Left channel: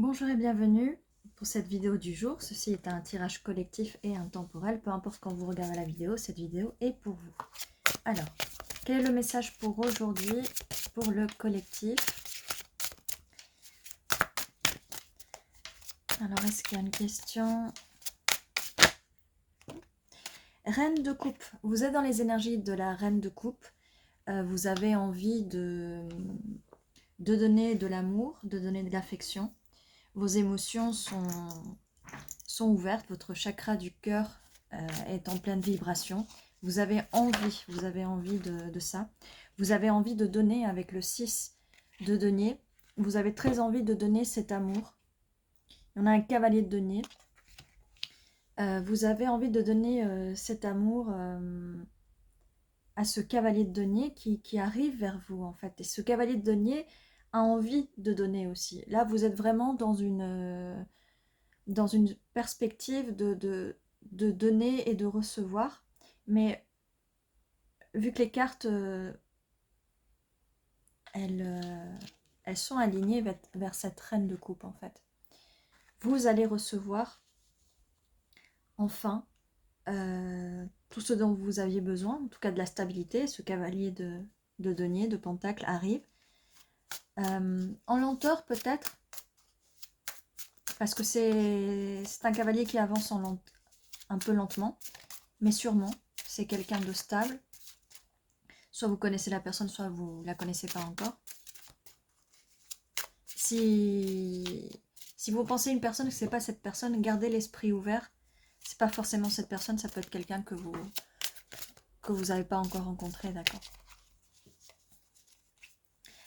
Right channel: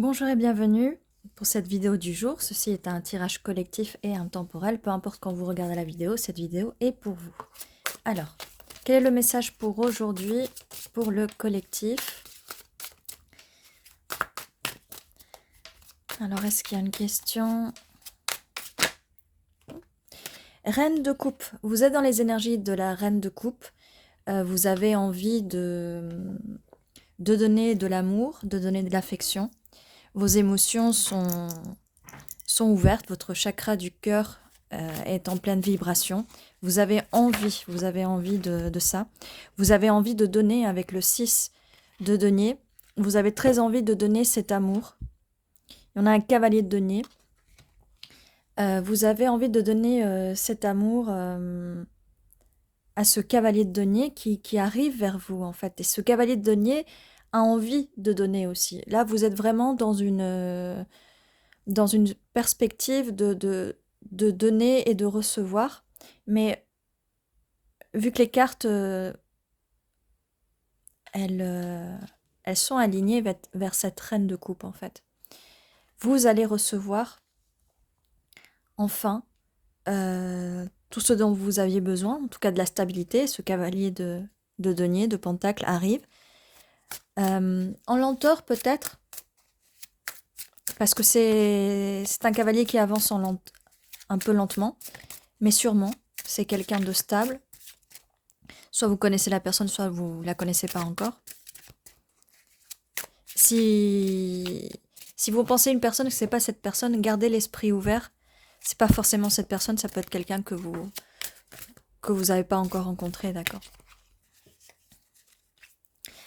Bonjour et bienvenue pour cette vidéo du jour. Ceci est un tirage collectif et intemporel. Peu importe quand vous regardez la vidéo, cette vidéo est pour vous. Alors, quel est le message pour aujourd'hui pour le collectif? Alors, est-ce qu'il y a une question? Reine de coupe. Vous êtes dans les énergies de la reine de coupe. Vous avez envie de donner de l'amour, de donner de l'affection. Vos émotions sont ouvertes, votre chakra du cœur est en pleine vibration. Vous avez envie de ça. Vous avez envie de donner avec le 6 de denier. Vous avez très envie de donner cet amour. Il y en a un cavalier de denier. Vous avez envie de donner cet amour à ce cavalier de denier qui arrive vers vous, en fait. Et ce cavalier de denier a envie de donner aussi. Là, vous êtes vraiment dans une perspective de donner et de recevoir. Mais vu que les cartes, elles sont alignées vers cette reine de coupe, en fait. Vous allez recevoir, enfin, tout ce dont vous aviez besoin, en tout cas de la stabilité. Ce cavalier de denier, de pentacle arrive. En lenteur, peut-être, parce que c'est un cavalier qui avance un peu lentement, mais sûrement. C'est quelqu'un de stable. Soit vous connaissez la personne, soit vous ne la connaissez pas encore. Si vous pensez une personne que ce n'est pas cette personne, gardez l'esprit ouvert. C'est pas forcément cette personne, ça peut être quelqu'un que vous n'avez pas encore rencontré, d'accord.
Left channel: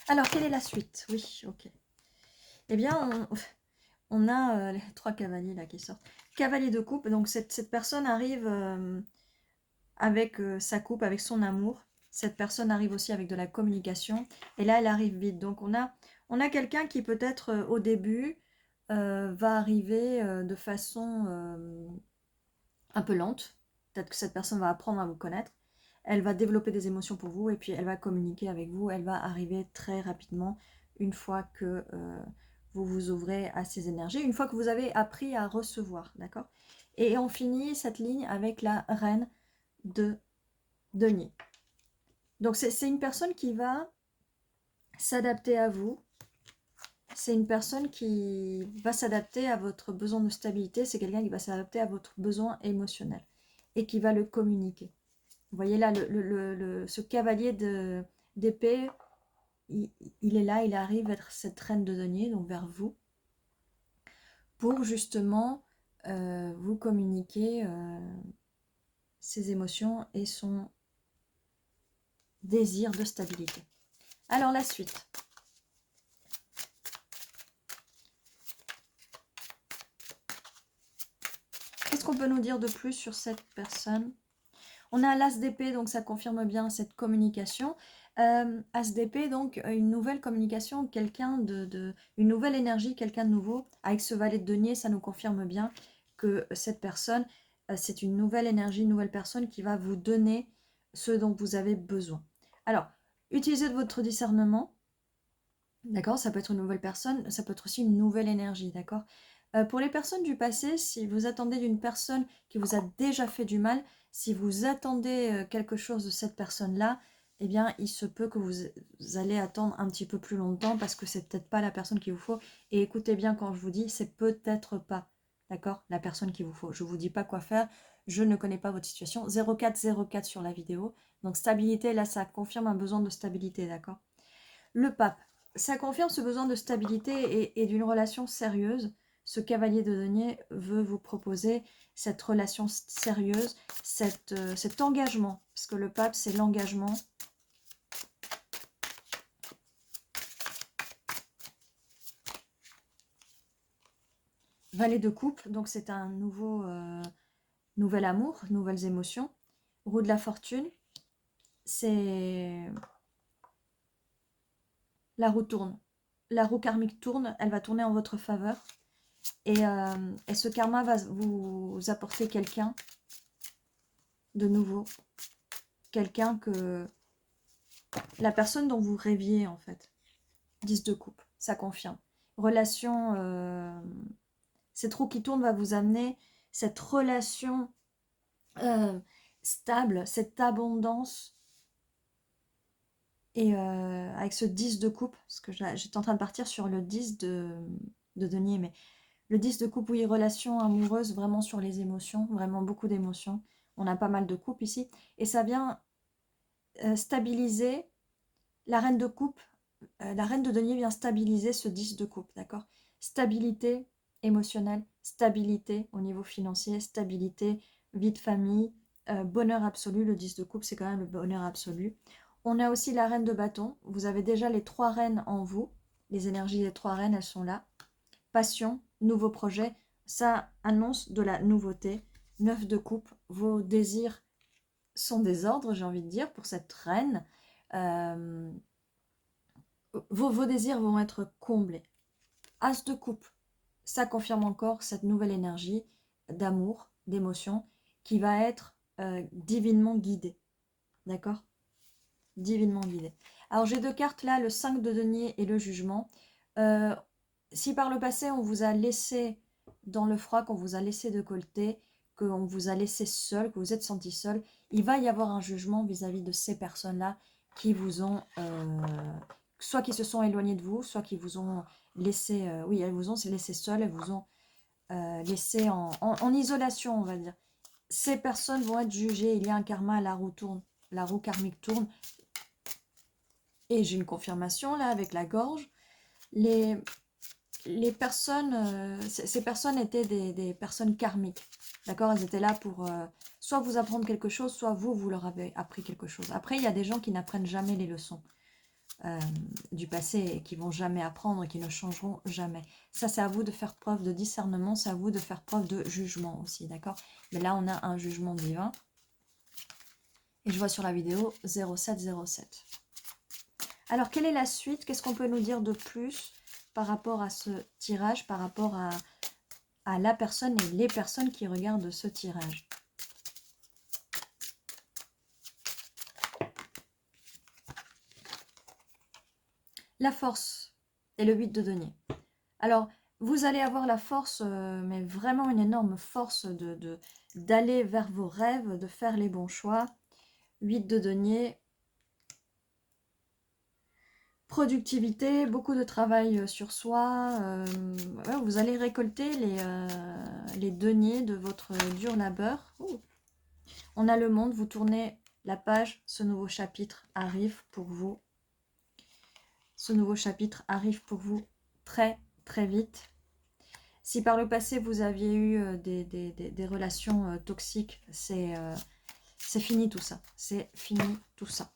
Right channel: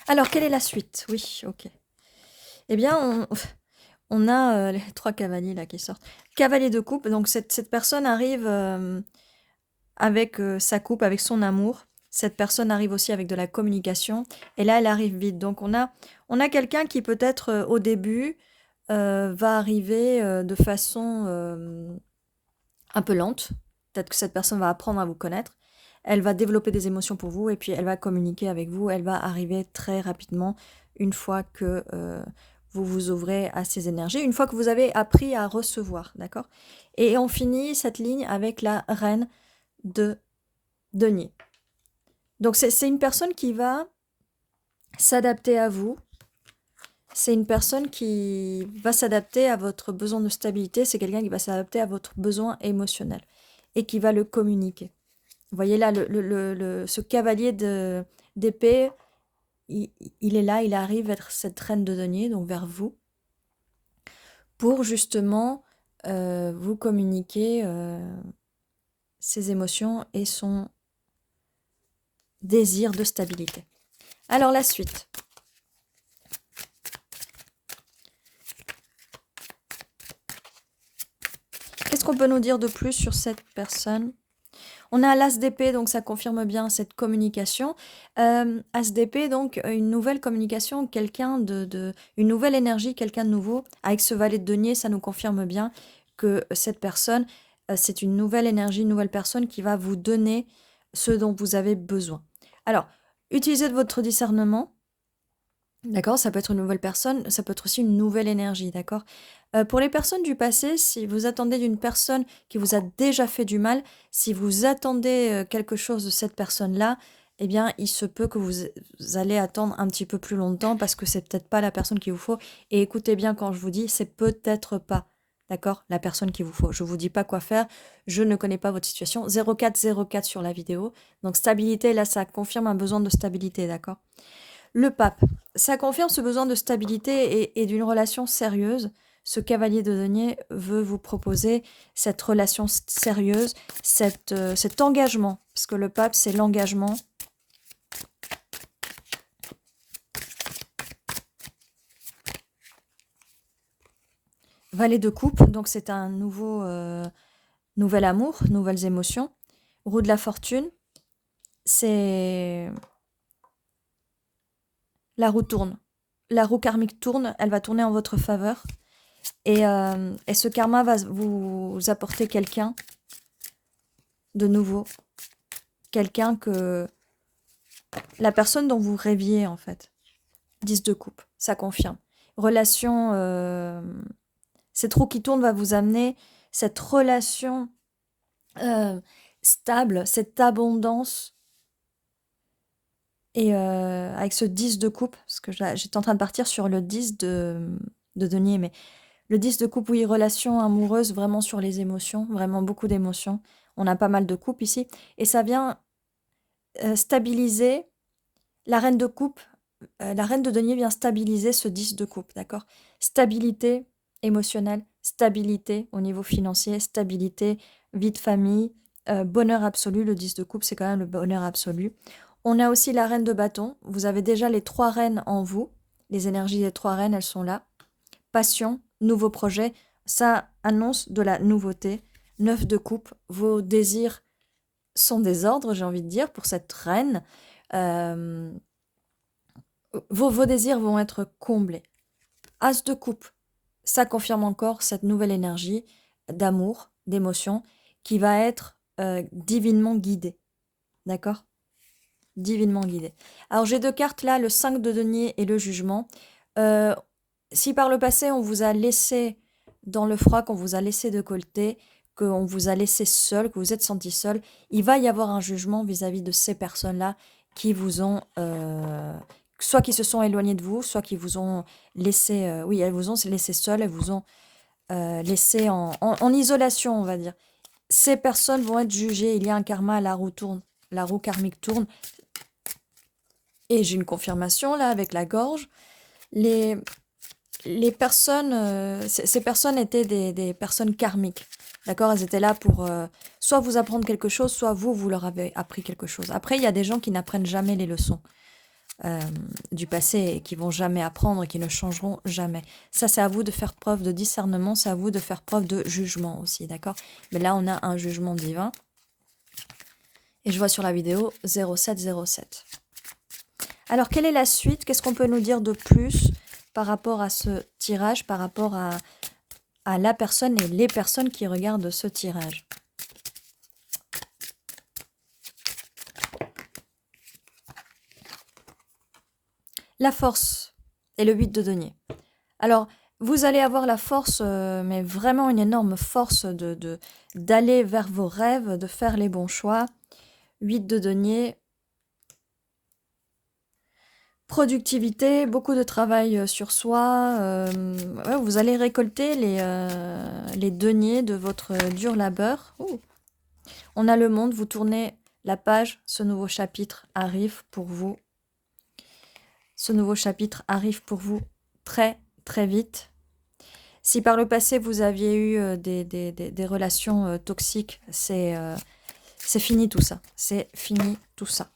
Alors, quelle est la suite? Oui, ok. Eh bien, on a les 3 cavaliers là qui sortent. Cavalier de coupe, donc cette personne arrive avec sa coupe, avec son amour. Cette personne arrive aussi avec de la communication. Et là, elle arrive vite. Donc, on a quelqu'un qui peut-être au début va arriver de façon un peu lente. Peut-être que cette personne va apprendre à vous connaître. Elle va développer des émotions pour vous et puis elle va communiquer avec vous. Elle va arriver très rapidement une fois que vous vous ouvrez à ces énergies, une fois que vous avez appris à recevoir, d'accord? Et on finit cette ligne avec la reine de denier. Donc c'est une personne qui va s'adapter à vous. C'est une personne qui va s'adapter à votre besoin de stabilité. C'est quelqu'un qui va s'adapter à votre besoin émotionnel et qui va le communiquer. Vous voyez là, ce cavalier d'épée, il est là, il arrive vers cette reine de denier, donc vers vous, pour justement vous communiquer ses émotions et son désir de stabilité. Alors la suite. Qu'est-ce qu'on peut nous dire de plus sur cette personne? On a l'as d'épée, donc ça confirme bien cette communication. As d'épée, donc une nouvelle communication, quelqu'un une nouvelle énergie, quelqu'un de nouveau. Avec ce valet de denier, ça nous confirme bien que cette personne, c'est une nouvelle énergie, une nouvelle personne qui va vous donner ce dont vous avez besoin. Alors, utilisez de votre discernement. D'accord, ça peut être une nouvelle personne, ça peut être aussi une nouvelle énergie, d'accord. Pour les personnes du passé, si vous attendez d'une personne qui vous a déjà fait du mal, si vous attendez quelque chose de cette personne-là, eh bien, il se peut que vous allez attendre un petit peu plus longtemps parce que c'est peut-être pas la personne qu'il vous faut. Et écoutez bien quand je vous dis, c'est peut-être pas, d'accord, la personne qu'il vous faut. Je vous dis pas quoi faire, je ne connais pas votre situation. 0404 sur la vidéo. Donc stabilité, là, ça confirme un besoin de stabilité, d'accord. Le pape, ça confirme ce besoin de stabilité et d'une relation sérieuse. Ce cavalier de denier veut vous proposer cette relation sérieuse, cet engagement, parce que le pape, c'est l'engagement. Valet de coupe, donc c'est un nouvel amour, nouvelles émotions. Roue de la fortune, c'est... La roue tourne. La roue karmique tourne, elle va tourner en votre faveur. Et ce karma va vous apporter quelqu'un de nouveau. Quelqu'un que... La personne dont vous rêviez, en fait. 10 de coupe, ça confirme. relation, cette roue qui tourne va vous amener cette relation stable, cette abondance. Et avec ce 10 de coupe, parce que j'étais en train de partir sur le 10 de denier, mais le 10 de coupe, oui, relation amoureuse, vraiment sur les émotions, vraiment beaucoup d'émotions. On a pas mal de coupes ici. Et ça vient stabiliser la reine de coupe. La reine de denier vient stabiliser ce 10 de coupe, d'accord? Stabilité émotionnelle, stabilité au niveau financier, stabilité, vie de famille, bonheur absolu. Le 10 de coupe, c'est quand même le bonheur absolu. On a aussi la reine de bâton. Vous avez déjà les 3 reines en vous. Les énergies des 3 reines, elles sont là. Passion, nouveau projet, ça annonce de la nouveauté. 9 de coupe, vos désirs sont des ordres, j'ai envie de dire, pour cette reine. Vos désirs vont être comblés. As de coupe, ça confirme encore cette nouvelle énergie d'amour, d'émotion, qui va être divinement guidée. D'accord? Divinement guidée. Alors j'ai 2 cartes là, le 5 de denier et le jugement. Si par le passé on vous a laissé dans le froid, qu'on vous a laissé de côté, qu'on vous a laissé seul, que vous êtes senti seul, il va y avoir un jugement vis-à-vis de ces personnes-là qui vous ont, soit qui se sont éloignées de vous, soit qui vous ont laissé, oui, elles vous ont laissé seul, elles vous ont laissé en isolation, on va dire. Ces personnes vont être jugées, il y a un karma, la roue tourne, la roue karmique tourne. Et j'ai une confirmation là avec la gorge. Les personnes, ces personnes étaient des personnes karmiques. D'accord? Elles étaient là pour soit vous apprendre quelque chose, soit vous leur avez appris quelque chose. Après, il y a des gens qui n'apprennent jamais les leçons du passé et qui vont jamais apprendre et qui ne changeront jamais. Ça, c'est à vous de faire preuve de discernement, c'est à vous de faire preuve de jugement aussi. D'accord? Mais là, on a un jugement divin. Et je vois sur la vidéo 0707. Alors, quelle est la suite? Qu'est-ce qu'on peut nous dire de plus par rapport à ce tirage, par rapport à la personne et les personnes qui regardent ce tirage? La force et le 8 de denier. Alors, vous allez avoir la force, mais vraiment une énorme force d'aller vers vos rêves, de faire les bons choix. 8 de denier. Productivité, beaucoup de travail sur soi. Ouais, vous allez récolter les deniers de votre dur labeur. Ouh. On a le monde, vous tournez la page, ce nouveau chapitre arrive pour vous. Ce nouveau chapitre arrive pour vous très très vite. Si par le passé vous aviez eu des relations toxiques, c'est fini tout ça. C'est fini tout ça.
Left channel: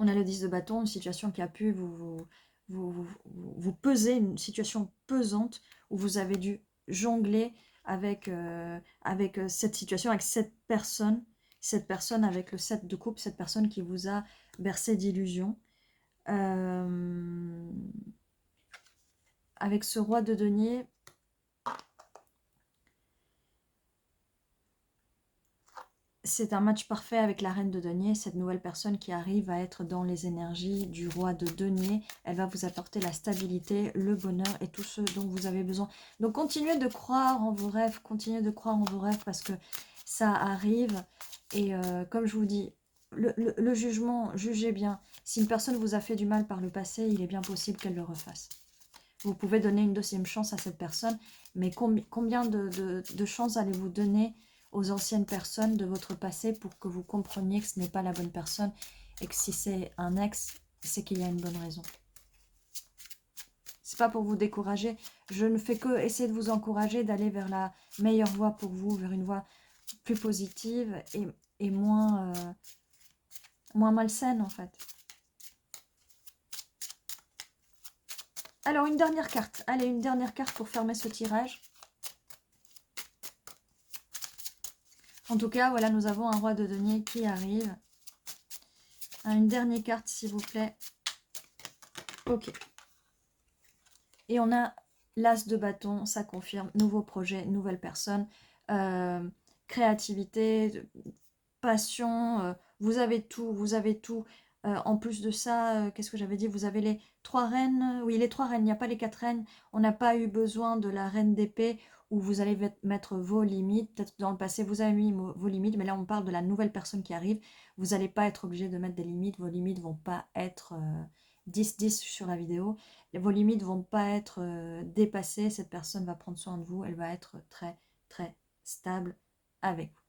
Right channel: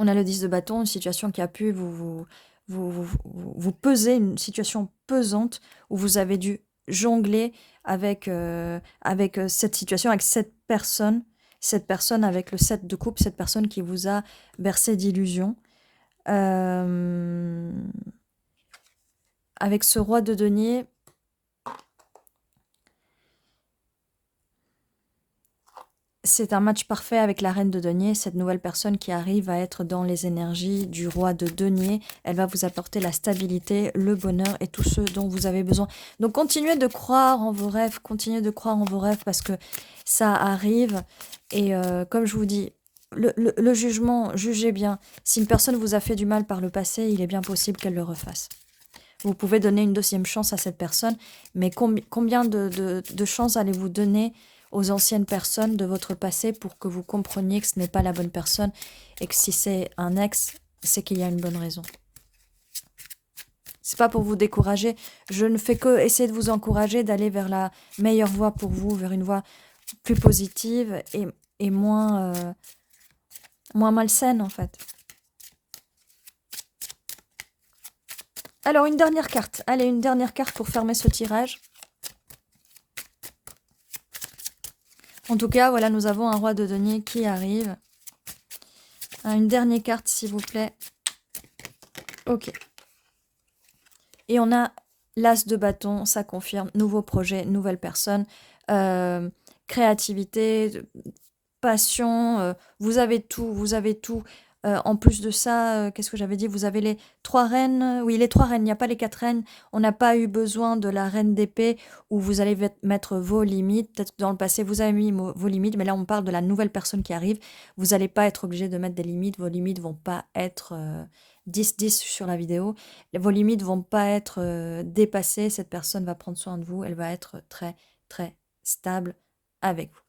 On a le 10 de bâton, une situation qui a pu vous peser, une situation pesante où vous avez dû jongler avec cette situation, avec cette personne avec le 7 de coupe, cette personne qui vous a bercé d'illusions. Avec ce roi de denier, c'est un match parfait avec la reine de denier, cette nouvelle personne qui arrive à être dans les énergies du roi de denier. Elle va vous apporter la stabilité, le bonheur et tout ce dont vous avez besoin. Donc continuez de croire en vos rêves, continuez de croire en vos rêves parce que ça arrive. Et comme je vous dis, le jugement, jugez bien. Si une personne vous a fait du mal par le passé, il est bien possible qu'elle le refasse. Vous pouvez donner une deuxième chance à cette personne, mais combien de chances allez-vous donner aux anciennes personnes de votre passé pour que vous compreniez que ce n'est pas la bonne personne et que si c'est un ex, c'est qu'il y a une bonne raison. C'est pas pour vous décourager, je ne fais que essayer de vous encourager d'aller vers la meilleure voie pour vous, vers une voie plus positive et moins malsaine en fait. Alors une dernière carte, allez, une dernière carte pour fermer ce tirage. En tout cas, voilà, nous avons un roi de denier qui arrive. Une dernière carte, s'il vous plaît. Ok. Et on a l'as de bâton, ça confirme. Nouveau projet, nouvelle personne. Créativité, passion. Vous avez tout, vous avez tout. En plus de ça, qu'est-ce que j'avais dit? Vous avez les 3 reines, oui, les 3 reines, il n'y a pas les 4 reines. On n'a pas eu besoin de la reine d'épée où vous allez mettre vos limites. Peut-être que dans le passé, vous avez mis vos limites, mais là, on parle de la nouvelle personne qui arrive. Vous n'allez pas être obligé de mettre des limites. Vos limites vont pas être 10-10 sur la vidéo. Vos limites vont pas être dépassées. Cette personne va prendre soin de vous. Elle va être très, très stable avec vous.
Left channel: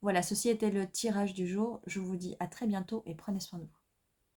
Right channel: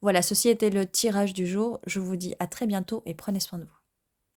Voilà, ceci était le tirage du jour. Je vous dis à très bientôt et prenez soin de vous.